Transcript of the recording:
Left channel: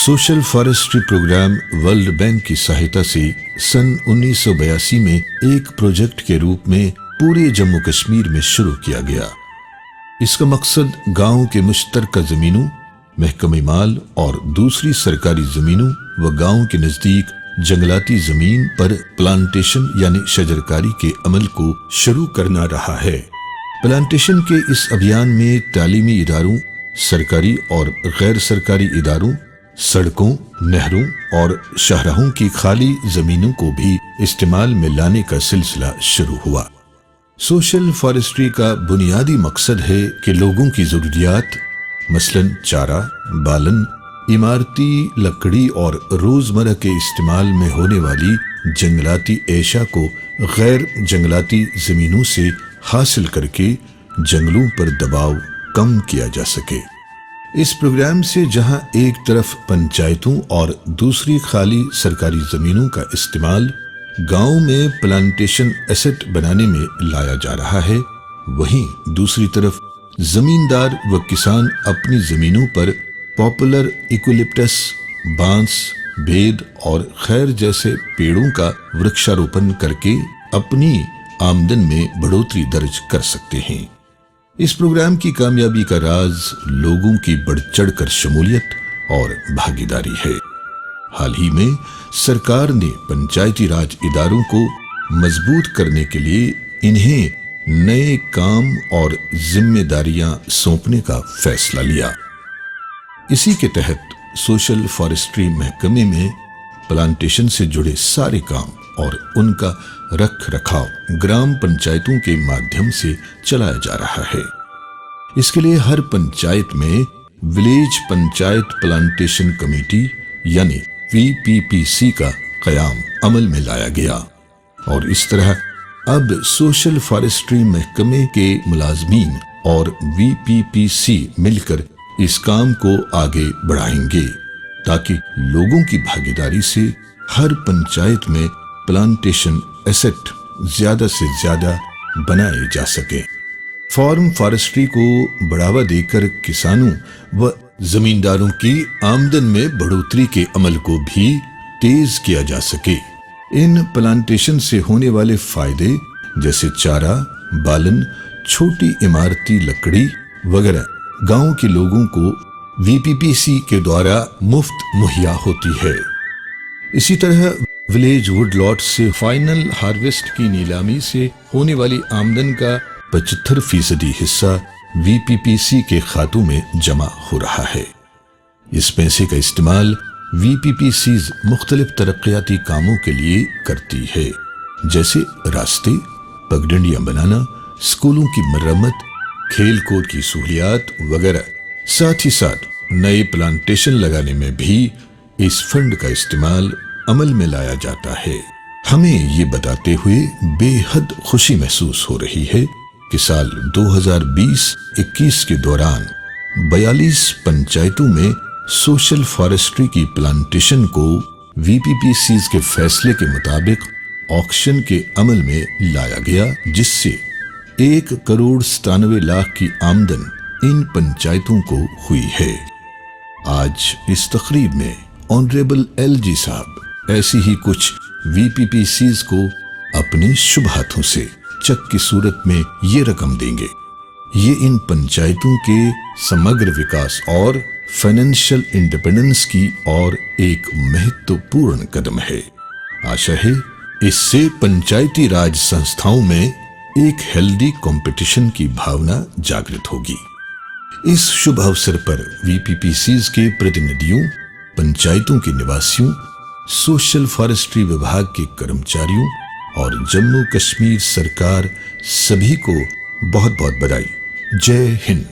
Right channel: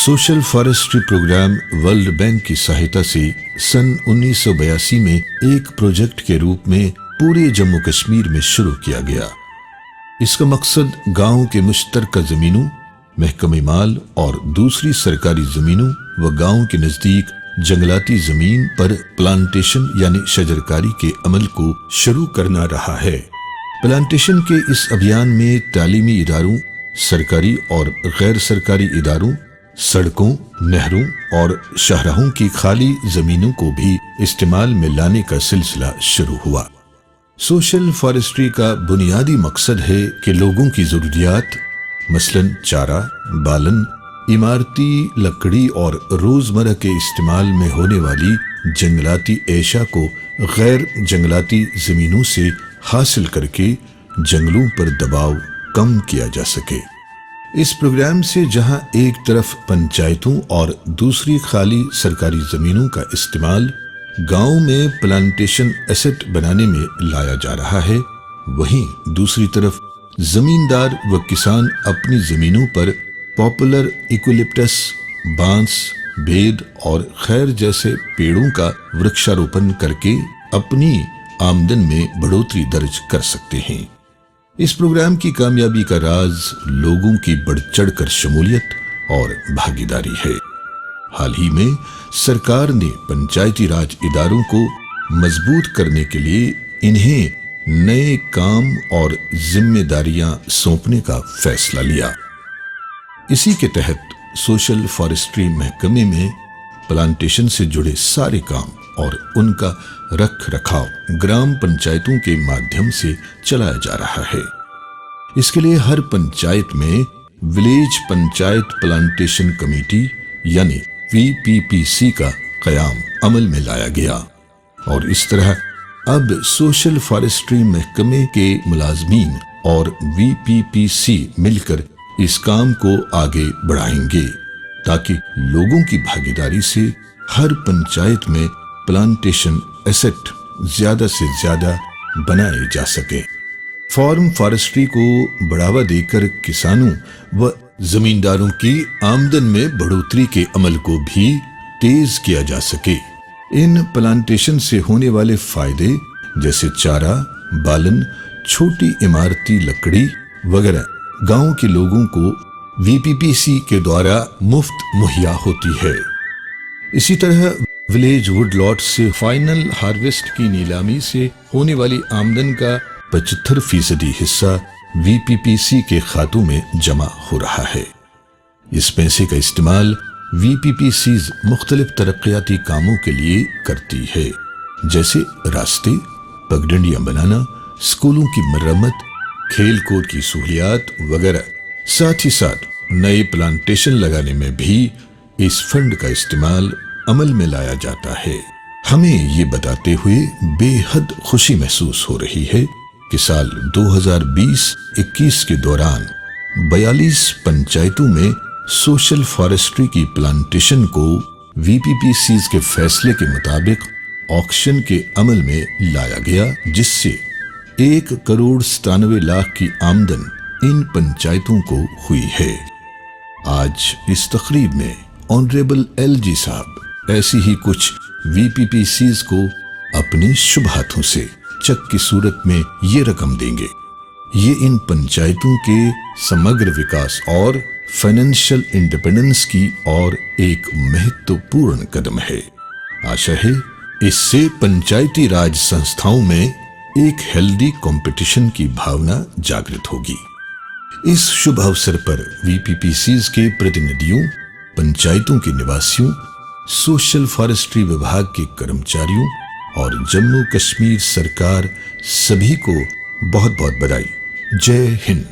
Social forestry programme World Bank की सहायता से सन 1982 में एक प्रोजेक्ट के रूप में पूरे जम्मू कश्मीर में शुरू किया गया। इसका मकसद गांव के मुश्तरका जमीनों, महकमे माल और दूसरी सरकारी जमीनों व गांव के नजदीक जंगलाती जमीन पर प्लांटेशन यानी शजरकारी के अमल को शुरू करना रहा है। प्लांटेशन के इस अभियान में तालीमी इदारों, सरकारी और गैर सरकारी इदारों, सड़कों, नहरों और शाहराहों की खाली जमीनों को भी इस्तेमाल में लाने का सिलसिला शुरू हुआ। सोशल फॉरेस्ट्री का बुनियादी मकसद है कि लोगों की जरूरियात मसलन चारा, बालन, इमारती लकड़ी और रोजमर्रा के इस्तेमाल में होने वाली जंगलाती एशा को गैर जंगलाती जमीनों से हासिल करके जंगलों पर दबाव कम किया जा सके। इस प्रोग्राम से जहां एक तरफ पंचायतों और दूसरी खाली सरकारी जमीनों का इस्तेमाल गांव में प्लांटेशन एसेट बनाने में लाया जा रहा है, वहीं दूसरी तरफ जमींदार व किसान अपनी जमीनों पर पॉपुलर यूकेलिप्टस, बांस, बेद और खैर जैसे पेड़ों का वृक्षारोपण करके अपनी आमदन में बढ़ोतरी दर्ज कर सकते हैं। इस प्रोग्राम की कामयाबी का राज लोगों की बढ़ चढ़कर शमूलियत और भागीदारी है। हाल ही में सरकार ने पंचायती राज इदारों को मजबूत करने के लिए इन्हें नए काम और जिम्मेदारियां सौंपने का फैसला लिया। इसी के तहत सोशल फॉरेस्ट्री महकमे में प्लांटेशन से जुड़े सारे काम और उनका रख रखाव ग्राम पंचायतों के माध्यम से चलाया जा रहा है। इसके लिए हर पंचायत में विलेज पंचायत प्लांटेशन कमेटी यानी VPPC का कयाम अमल में लाया गया और इस तरह अब सोशल फॉरेस्ट्री महकमे के मुलाजमीन और VPPC मिलकर इस काम को आगे बढ़ाएंगे ताकि लोगों की भागीदारी से हर पंचायत में प्लांटेशन एसेट ज्यादा से ज्यादा बनाए जा सके। फार्म फॉरेस्ट्री को बढ़ावा देकर किसानों व जमींदारों की आमदन में बढ़ोतरी के अमल को भी तेज किया जा सके। इन प्लांटेशन से होने वाले फायदे जैसे चारा, बालन, छोटी इमारती लकड़ी वगैरह गांव के लोगों को VPPC के द्वारा मुफ्त मुहैया होती है। इसी तरह विलेज वुड लॉट से फाइनल हार्वेस्ट की नीलामी से होने वाली आमदन का 75% हिस्सा VPPC के खातों में जमा हो रहा है। इस पैसे का इस्तेमाल VPPCs मुख्तलिफ तरक्याती कामों के लिए करती है, जैसे रास्ते, पगडंडियां बनाना, स्कूलों की मरम्मत, खेल कूद की सहूलियात वगैरह। साथ ही साथ नए प्लांटेशन लगाने में भी इस फंड का इस्तेमाल अमल में लाया जाता है। हमें ये बताते हुए बेहद खुशी महसूस हो रही है कि साल 2020-21 के दौरान 42 पंचायतों में सोशल फॉरेस्ट्री की प्लांटेशन को VPPCs के फैसले के मुताबिक ऑक्शन के अमल में लाया गया, जिससे 1,97,00,000 की आमदन इन पंचायतों को हुई है। आज इस तकरीब में ऑनरेबल LG साहब ऐसी ही कुछ VPPCs को अपने शुभ हाथों से चेक की सूरत में ये रकम देंगे। ये इन पंचायतों के समग्र विकास और फाइनेंशियल इंडिपेंडेंस की और एक महत्वपूर्ण कदम है। आशा है इससे पंचायती राज संस्थाओं में एक हेल्दी कंपटीशन की भावना जागृत होगी। इस शुभ अवसर पर VPPCs के प्रतिनिधियों, पंचायतों के निवासियों, सोशल फॉरेस्ट्री विभाग के कर्मचारियों और जम्मू कश्मीर सरकार सभी को बहुत बहुत बधाई। जय हिंद।